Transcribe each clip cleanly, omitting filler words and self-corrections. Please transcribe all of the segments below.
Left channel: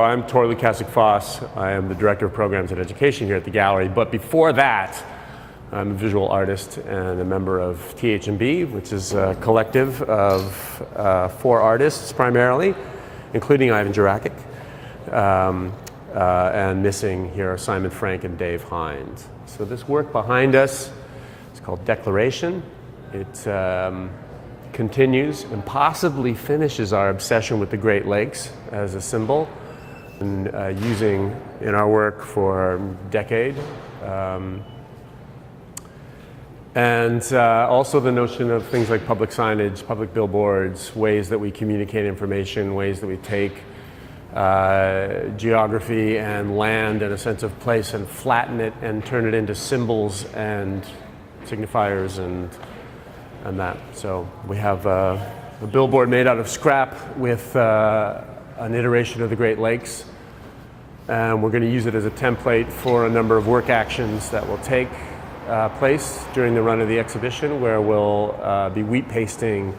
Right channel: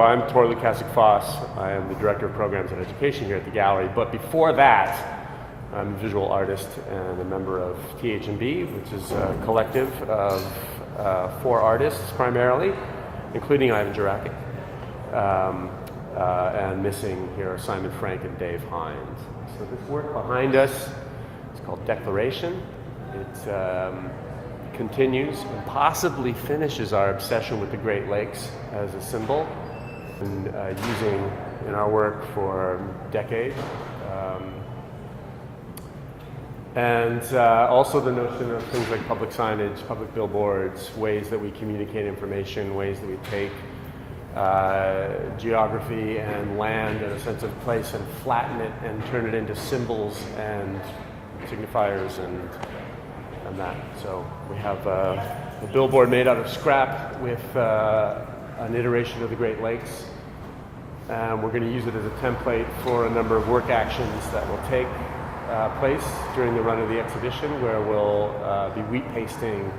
I'm Tor Lukasik-Foss. I am the Director of Programs and Education here at the Gallery. But before that, I'm a visual artist and a member of TH&B, which is a collective of 4 artists primarily, including Ivan Jurakic. And missing here are Simon Frank and Dave Hines. So this work behind us is called Declaration. It continues and possibly finishes our obsession with the Great Lakes as a symbol, and using in our work for a decade. And also the notion of things like public signage, public billboards, ways that we communicate information, ways that we take geography and land and a sense of place and flatten it and turn it into symbols and signifiers and that. So we have a billboard made out of scrap with an iteration of the Great Lakes, and we're going to use it as a template for a number of work actions that will take place during the run of the exhibition, where we'll be wheat pasting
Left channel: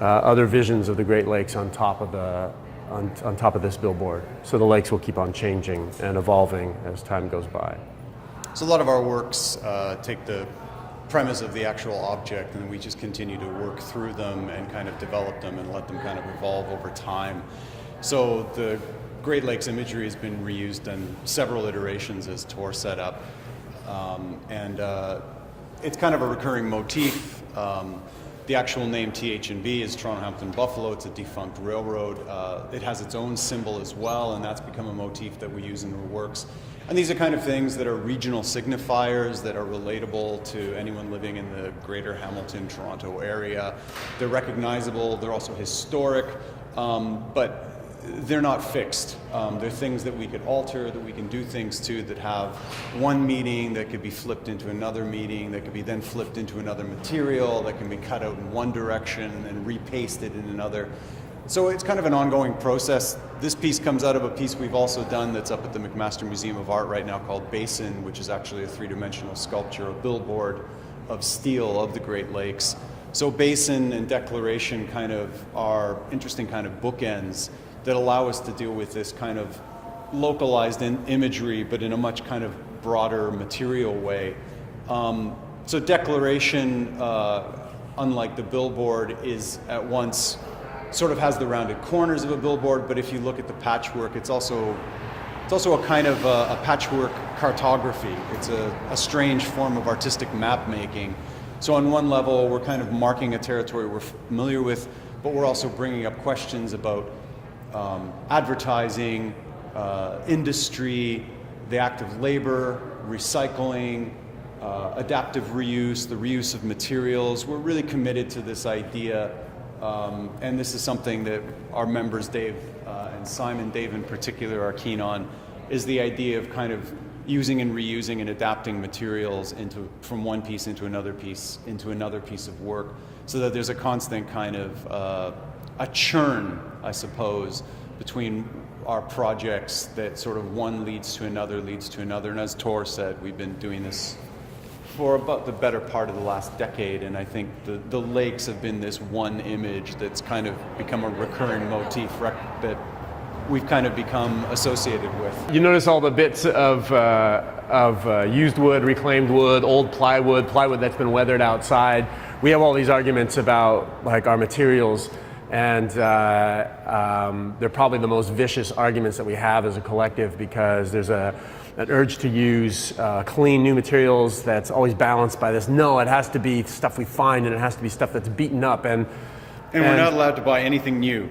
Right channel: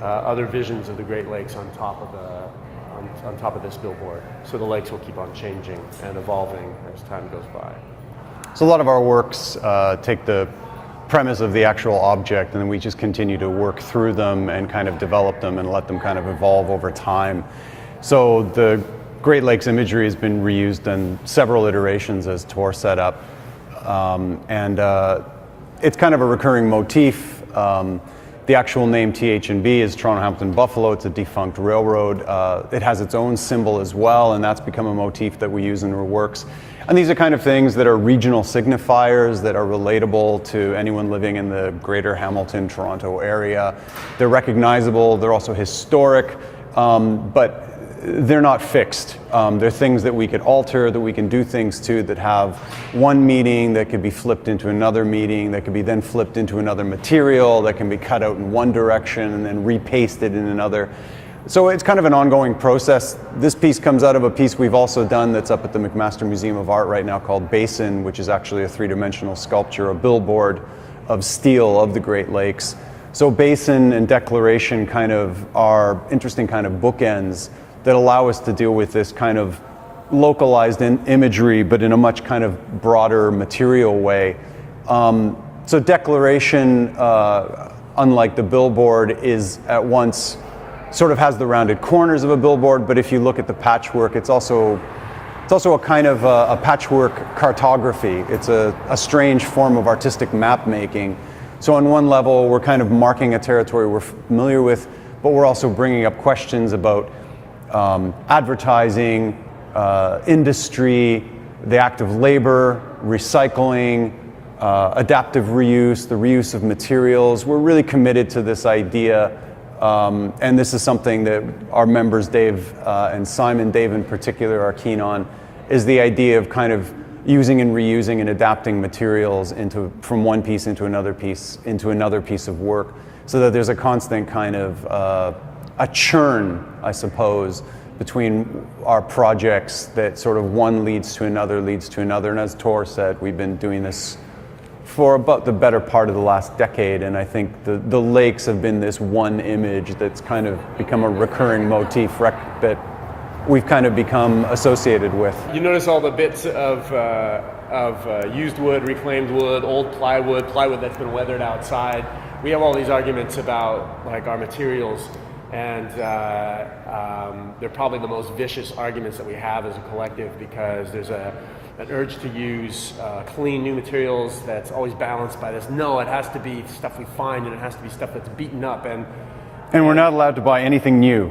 other visions of the Great Lakes on top of this billboard. So the lakes will keep on changing and evolving as time goes by. So a lot of our works take the premise of the actual object, and then we just continue to work through them and kind of develop them and let them kind of evolve over time. So the Great Lakes imagery has been reused in several iterations, as Tor set up. And it's kind of a recurring motif. The actual name TH&B is Toronto, Hamilton, Buffalo. It's a defunct railroad. It has its own symbol as well, and that's become a motif that we use in our works. And these are kind of things that are regional signifiers that are relatable to anyone living in the greater Hamilton, Toronto area. They're recognizable, they're also historic, but they're not fixed. They're things that we could alter, that we can do things to, that have one meaning that could be flipped into another meaning, that could be then flipped into another material, that can be cut out in one direction and then repasted in another. So it's kind of an ongoing process. This piece comes out of a piece we've also done that's up at the McMaster Museum of Art right now called Basin, which is actually a 3-dimensional sculpture, a billboard of steel of the Great Lakes. So Basin and Declaration kind of are interesting kind of bookends that allow us to deal with this kind of localized imagery, but in a much kind of broader material way. So Declaration, unlike the billboard, is at once sort of has the rounded corners of a billboard, but if you look at the patchwork, it's also a kind of a patchwork cartography. It's a strange form of artistic map making. So on one level, we're kind of marking a territory we're familiar with, but we're also bringing up questions about advertising, industry, the act of labor, recycling, adaptive reuse, the reuse of materials. We're really committed to this idea, and this is something that our members, Dave and Simon, Dave in particular, are keen on, is the idea of kind of using and reusing and adapting materials from one piece into another piece of work, so that there's a constant kind of a churn, I suppose, between our projects, that sort of one leads to another, and as Tor said, we've been doing this for about the better part of the last decade, and I think the lakes have been this one image that's kind of become a recurring motif that we've kind of become associated with. You notice all the bits of used wood, reclaimed wood, old plywood that's been weathered outside. We have all these arguments about like our materials, and they're probably the most vicious arguments that we have as a collective, because there's an urge to use clean new materials that's always balanced by this. No, it has to be stuff we find, and it has to be stuff that's beaten up, and we're not allowed to buy anything new.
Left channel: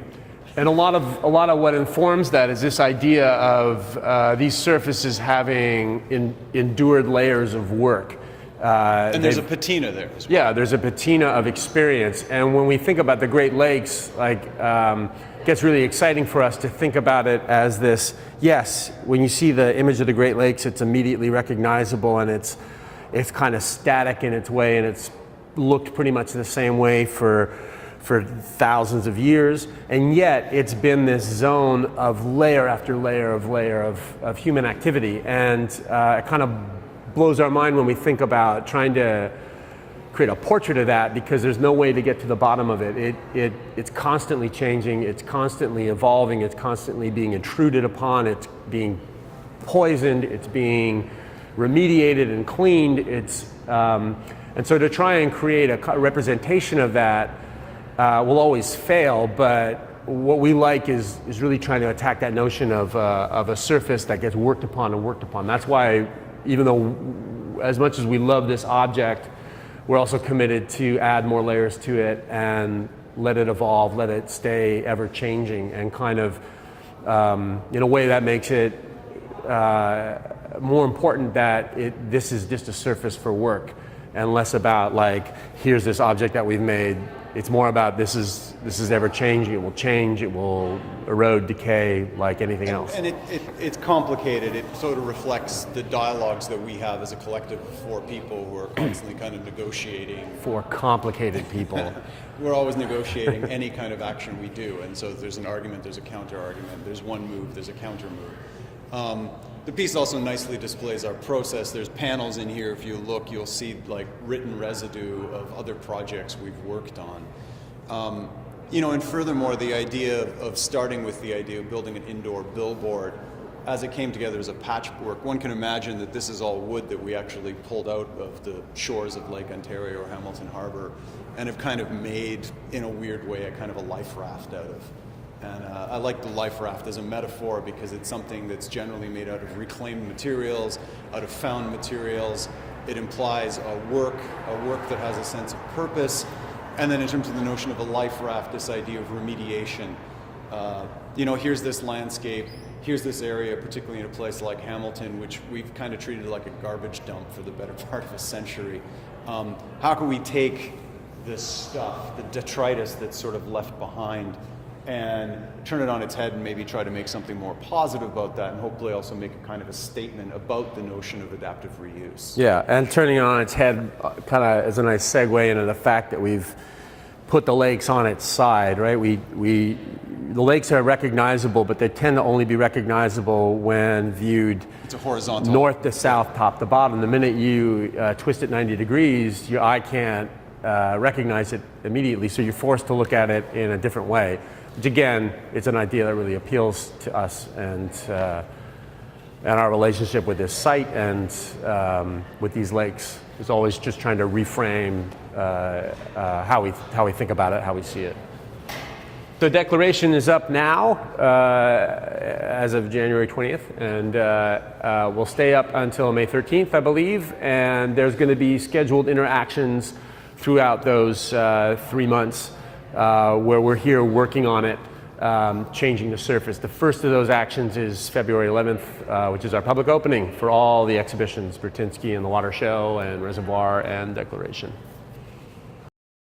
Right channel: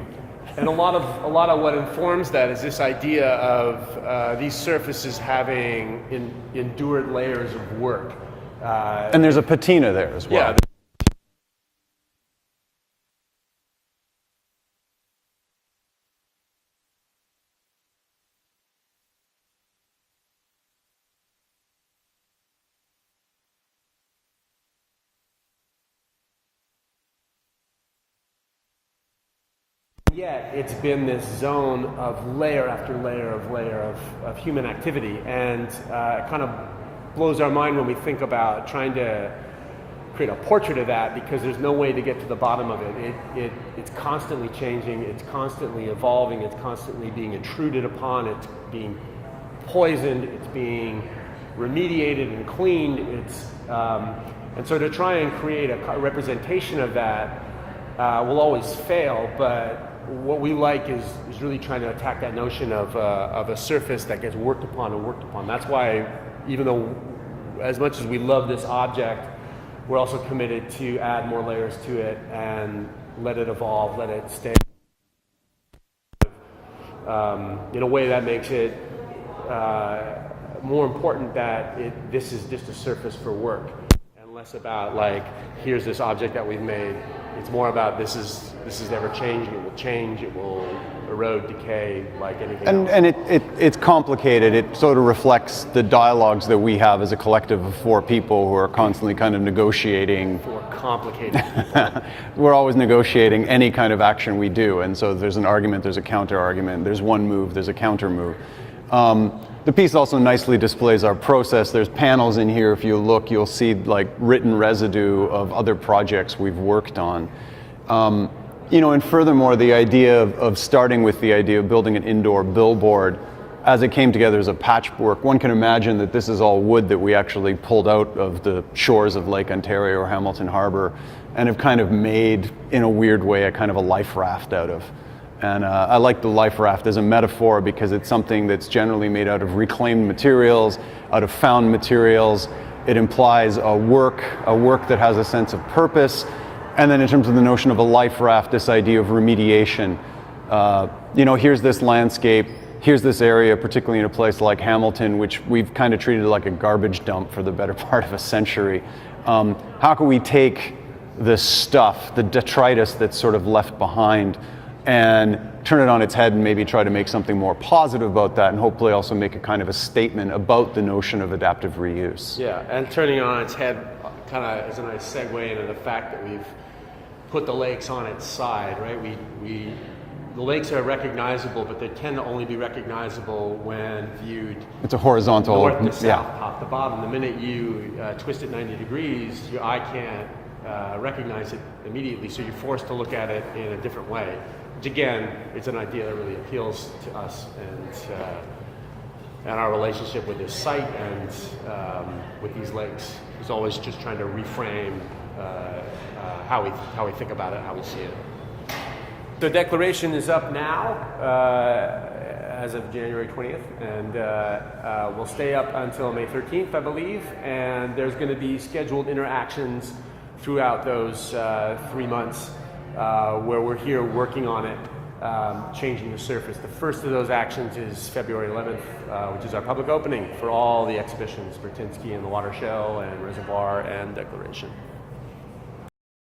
And a lot of what informs that is this idea of these surfaces having endured layers of work. And there's a patina there as well. Yeah, there's a patina of experience. And when we think about the Great Lakes, it gets really exciting for us to think about it as this, yes, when you see the image of the Great Lakes, it's immediately recognizable, and it's kind of static in its way, and it's looked pretty much the same way for thousands of years, and yet it's been this zone of layer after layer of human activity, and it kind of blows our mind when we think about trying to create a portrait of that, because there's no way to get to the bottom of it. It's constantly changing, it's constantly evolving, it's constantly being intruded upon, it's being poisoned, it's being remediated and cleaned. And so to try and create a representation of that will always fail, but what we like is really trying to attack that notion of a surface that gets worked upon and worked upon. That's why, even though as much as we love this object, we're also committed to add more layers to it and let it evolve, let it stay ever changing, and kind of in a way that makes it more important that this is just a surface for work, and less about like, here's this object that we've made. It's more about this is ever changing. It will change. It will erode, decay, like anything else. And it's complicated. It sort of reflects the dialogues that we have as a collective of 4 people who are constantly kind of negotiating. 4 complicated people. We're always negotiating any kind of action we do, and so there's an argument, there's a counter argument, there's one move, there's a counter move. The piece also nicely displays our process. There's panels in here. If you look, you'll see like written residue of other projects we've worked on. And furthermore, the idea of starting with the idea of building an indoor billboard, as it came together as a patchwork, one can imagine that this is all wood that we actually pulled out of the shores of Lake Ontario or Hamilton Harbor and have kind of made, in a weird way, a kind of a life raft out of. And I like the life raft as a metaphor because it's something that's generally made out of reclaimed materials, out of found materials. It implies a work that has a sense of purpose. And then in terms of the notion of a life raft, this idea of remediation. Here's this landscape, here's this area, particularly in a place like Hamilton, which we've kind of treated like a garbage dump for the better part of a century. How can we take this stuff, the detritus that's sort of left behind, and turn it on its head and maybe try to make something more positive about that, and hopefully also make a kind of a statement about the notion of adaptive reuse. Yeah, and turning it on its head kind of is a nice segue into the fact that we've put the lakes on its side, right? The lakes are recognizable, but they tend to only be recognizable when viewed. It's a horizontal. North to south, top to bottom. The minute you twist it 90 degrees, your eye can't recognize it immediately, so you're forced to look at it in a different way. Which again, it's an idea that really appeals to us and our relationship with this site and with these lakes is always just trying to reframe how we think about it, how we see it. The declaration is up now as of January 20th, and will stay up until May 13th, I believe. And there's going to be scheduled interactions throughout those 3 months. Where we're here working on it, changing the surface. The first of those actions is February 11th, which is our public opening for all the exhibitions, Bertinsky and the Water Show and Reservoir and Declaration.